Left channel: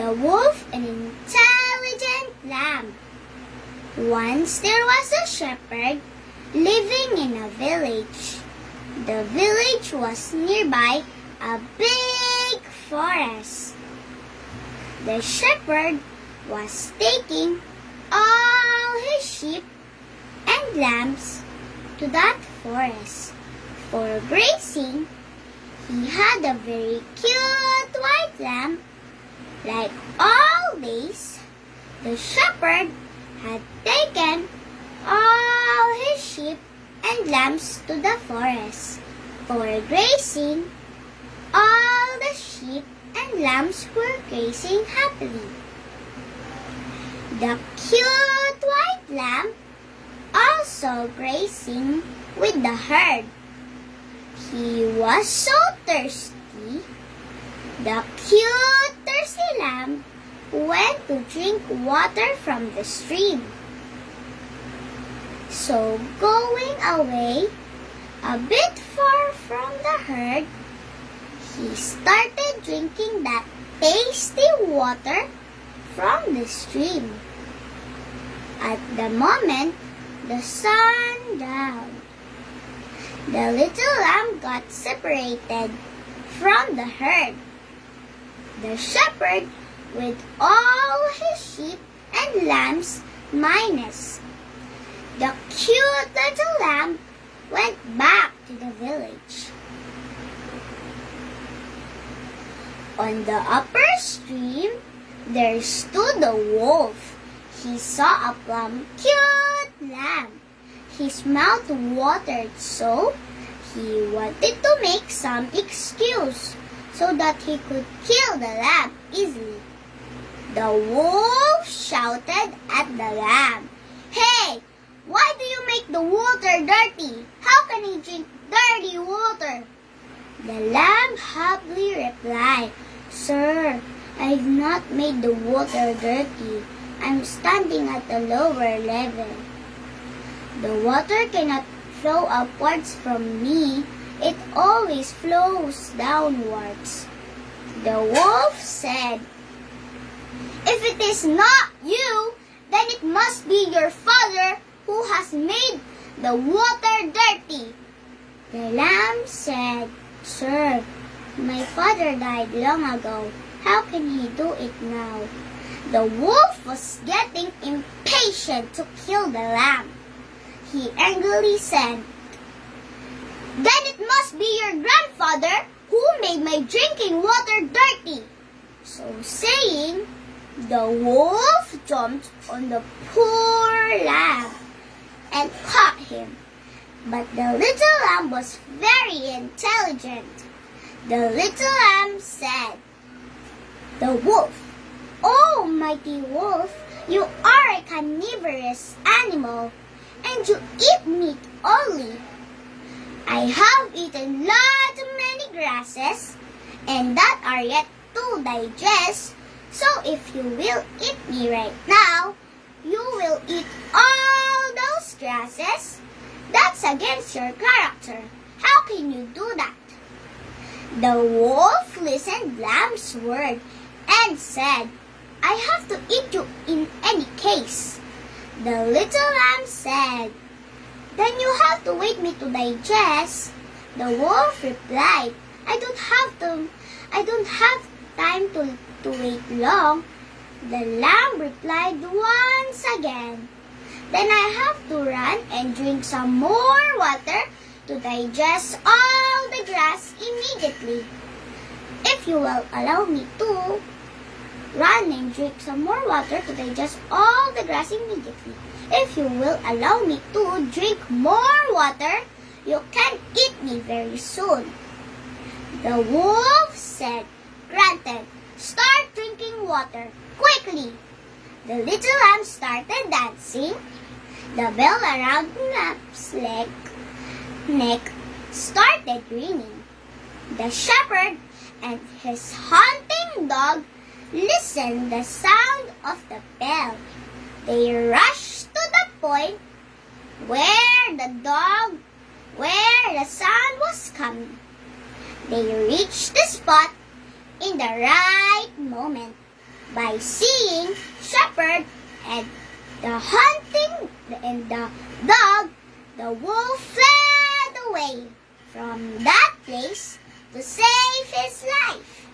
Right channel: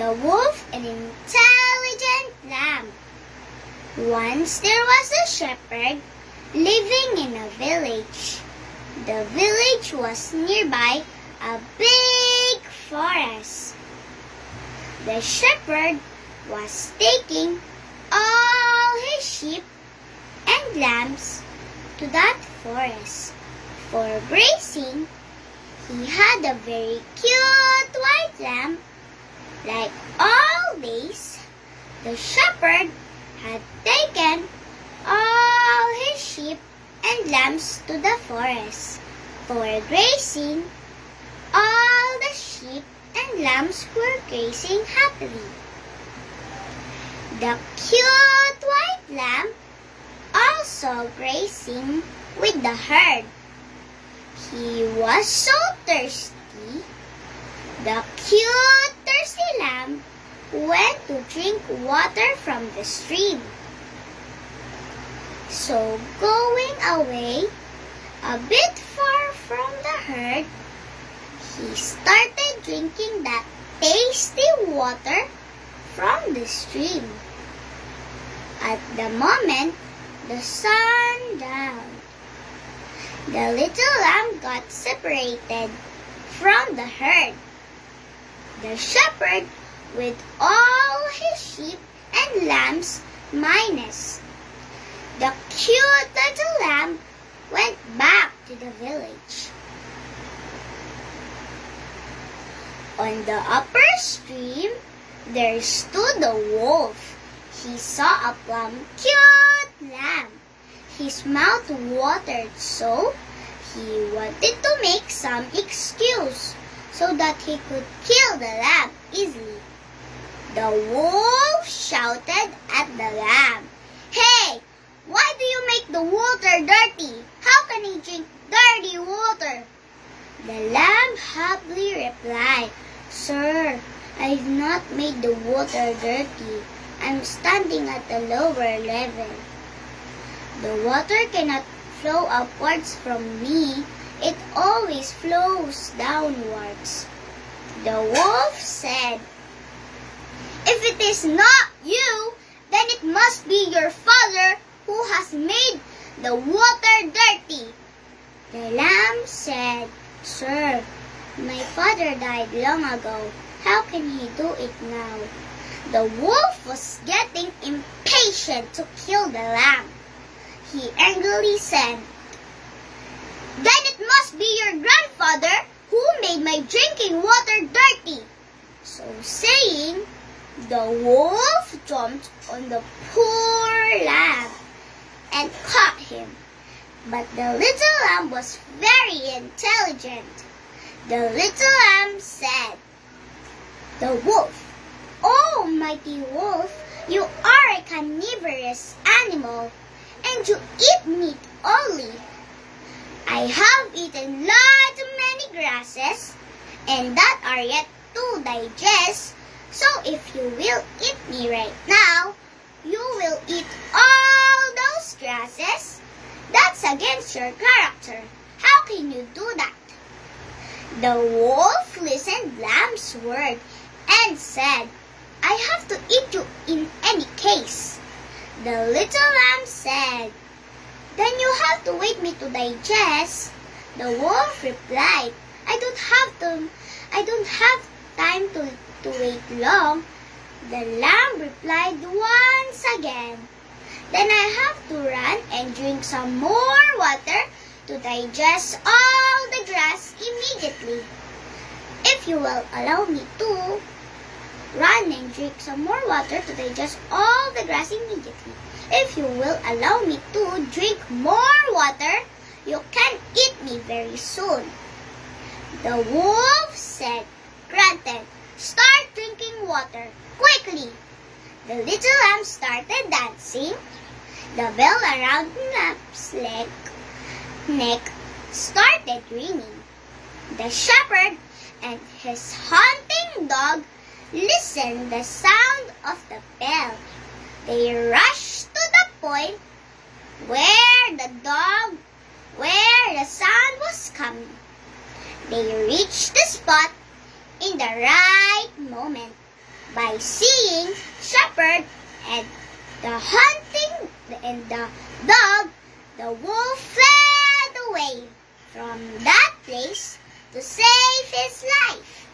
The Wolf and Intelligent Lamb. Once there was a shepherd living in a village. The village was nearby a big forest. The shepherd was taking all his sheep and lambs to that forest for grazing. He had a very cute white lamb. Like always, the shepherd had taken all his sheep and lambs to the forest for grazing. All the sheep and lambs were grazing happily. The cute white lamb also grazing with the herd. He was so thirsty. The cute thirsty lamb went to drink water from the stream. So going away a bit far from the herd, he started drinking that tasty water from the stream. At the moment the sun down, the little lamb got separated from the herd. The shepherd, with all his sheep and lambs minus the cute little lamb, went back to the village. On the upper stream, there stood a wolf. He saw a plump, cute lamb. His mouth watered so he wanted to make some excuse so that he could kill the lamb easily. The wolf shouted at the lamb, "Hey, why do you make the water dirty? How can he drink dirty water?" The lamb humbly replied, "Sir, I've not made the water dirty. I'm standing at a lower level. The water cannot flow upwards from me. It always flows downwards." The wolf said, "If it is not you, then it must be your father who has made the water dirty." The lamb said, "Sir, my father died long ago. How can he do it now?" The wolf was getting impatient to kill the lamb. He angrily said, "Then it must be your grandfather who made my drinking water dirty." So saying, the wolf jumped on the poor lamb and caught him. But the little lamb was very intelligent. The little lamb said, "The wolf, oh mighty wolf, you are a carnivorous animal, and you eat meat only. I have eaten many grasses, and that are yet to digest. So if you will eat me right now, you will eat all those grasses. That's against your character. How can you do that?" The wolf listened to Lamb's word and said, "I have to eat you in any case." The little lamb said, "Then you have to wait me to digest." The wolf replied, I don't have time to wait long." The lamb replied once again, "Then I have to run and drink some more water to digest all the grass immediately. If you will allow me to run and drink some more water to digest all the grass immediately. If you will allow me to drink more water, you can eat me very soon." The wolf said, "Granted, start drinking water quickly." The little lamb started dancing. The bell around the lamb's neck started ringing. The shepherd and his hunting dog listened the sound of the bell. They rushed to the point where the sound was coming. They reached the spot in the right moment. By seeing shepherd and the hunting and the dog, the wolf fled away from that place to save his life.